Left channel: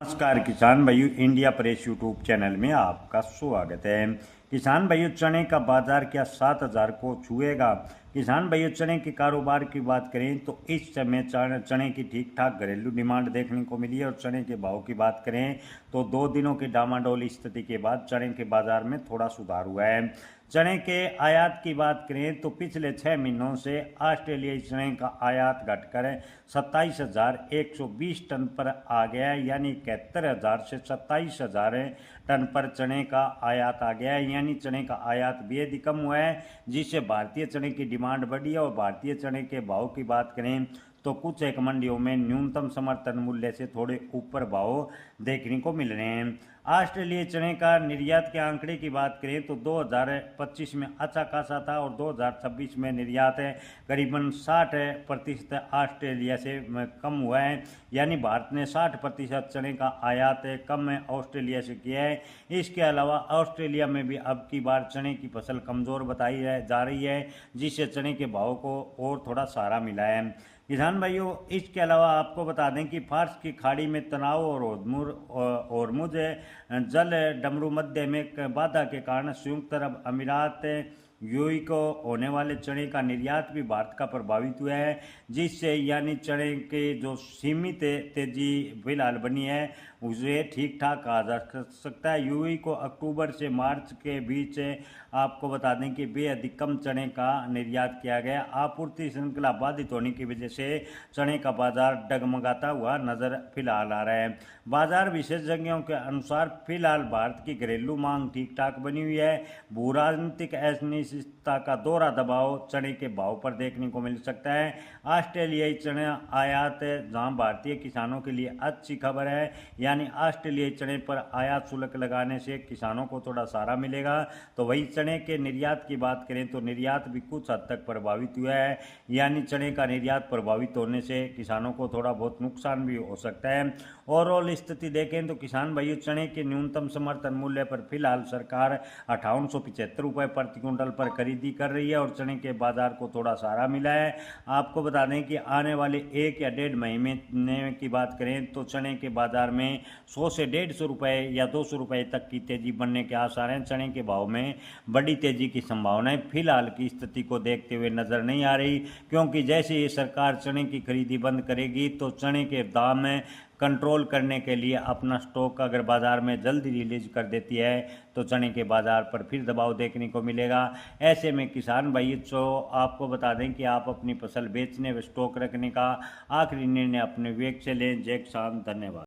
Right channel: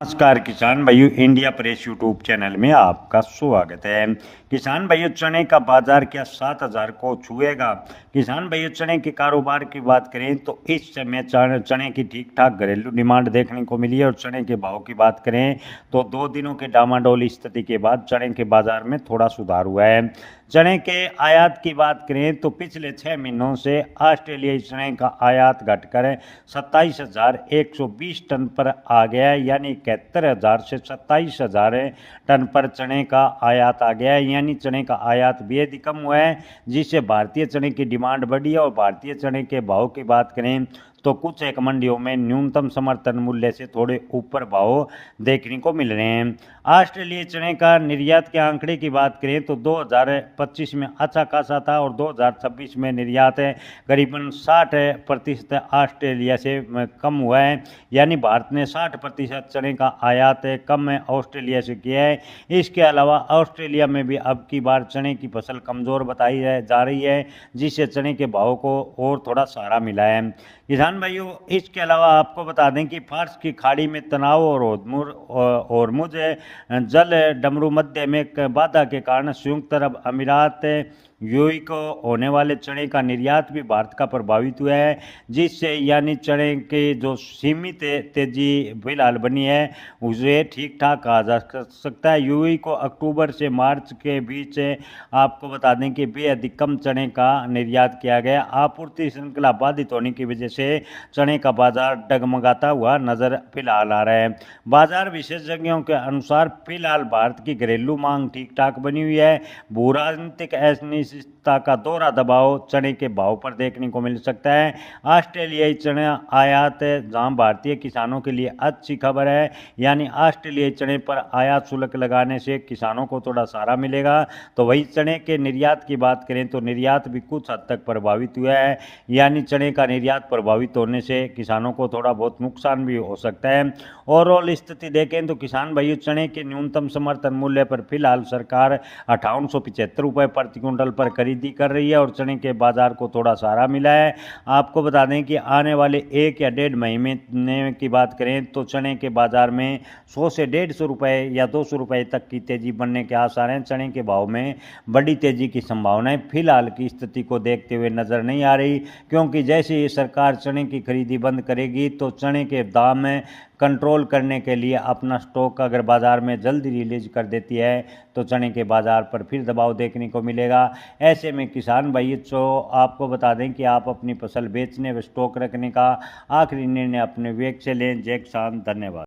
नमस्कार किसान भाइयों, इंडिया प्रेस यूट्यूब चैनल में आपका स्वागत है। किसान भाइयों, चने का बाजार क्या 7,000 को छुएगा? किसान भाइयों, चने के कारोबार की बात करें तो इस समय चने की ठीक ठाक घरेलू डिमांड देखने को मिली है और चने के भाव की बात करें तो 2 दिनों के डामाडोल स्थिति के बाद चने के बाजार में थोड़ा सुधार हुआ है। चने के आयात की बात करें तो पिछले 6 महीनों से ऑस्ट्रेलियाई चने का आयात घटकर 27,120 टन पर आ गया है, यानी 71,000 से 27,000 टन पर चने का आयात आ गया है। यानी चने का आयात बेहद ही कम हुआ है, जिससे भारतीय चने की डिमांड बढ़ी है। और भारतीय चने के भाव की बात करें तो कुछ एक मंडियों में न्यूनतम समर्थन मूल्य से थोड़े ऊपर भाव देखने को मिल रहे हैं। ऑस्ट्रेलियाई चने का निर्यात के आंकड़े की बात करें तो 2025 में अच्छा खासा था और 2026 में निर्यात करीबन 60% ऑस्ट्रेलिया से कम हुआ है। यानी भारत ने 60% चने का आयात कम ऑस्ट्रेलिया से किया है। इसके अलावा ऑस्ट्रेलिया में भी अब की बार चने की फसल कमज़ोर बताई जा रही है, जिससे चने के भाव को और थोड़ा सहारा मिला है। किसान भाइयों, इसके अलावा आपको बता दें कि फार्स की खाड़ी में तनाव और होर्मुज जल डमरू मध्य में एक बाधा के कारण संयुक्त अरब अमीरात यूएई को होने वाले चने का निर्यात भी भारत का प्रभावित हुआ है, जिससे यानी चने के जो सीमित तेजी फिलहाल बनी है उसे ठीक ठाक कहा जा सकता है। यूएई को अक्टूबर से मार्च के बीच आपको बता दें कि बेहद कम चने का निर्यात किया गया। आपूर्ति श्रृंखला बाधित होने की वजह से चने का बाजार डगमगाता हुआ नजर फिलहाल आ रहा है। बाजार विशेषज्ञों के अनुसार फिलहाल भारत की घरेलू मांग ठीक ठाक बनी हुई है। भू राजनीतिक अनिश्चितता का दोहरा दबाव चने के भाव पर देखने को मिल सकता है। ऑस्ट्रेलियाई चने आयात जहां भारतीय किसानों के लिए अच्छी खबर है, यानी ऑस्ट्रेलियाई चने पर आयात शुल्क लगाने से किसानों को थोड़ा सहारा मिलेगा। तो वही चने के निर्यात की बात करें तो निर्यात भी कुछ हद तक प्रभावित हुआ है, यानी चने का निर्यात प्रभावित होने से किसानों को थोड़ा बहुत नुकसान भी हो सकता है। ओवरऑल स्थिति देखें तो किसान भाइयों, चने के न्यूनतम समर्थन मूल्य पर फिलहाल सरकार 5875 रुपये प्रति क्विंटल पर खरीदी कर रही है और चने के बाजार को थोड़ा सहारा मिला है। आपको बता दें कि आने वाले 1 या 1.5 महीने की बात करें तो चने के बाजार में 100 से 150 रुपये या 200 रुपये तक की तेजी बनने के आसार हैं। चने के भाव में बड़ी तेजी की संभावनाएं फिलहाल की स्थिति को देखते हुए नजर नहीं आ रही, क्योंकि जैसे ही सरकार चने की खरीदी बंद करेगी तो चने के दाम में कंट्रोल करने के लिए अपना स्टॉक अगर बाजार में जल्दी रिलीज कर देती है तो चने के बाजार पर फिर दबाव देखने को मिलेगा। ऐसे में किसान भाई तो आपको बता दें कि आप अपनी फसल बेचने व स्टॉक रखने का आखिरी निर्णय अपने विवेक से लें। जय किसान, धन्यवाद।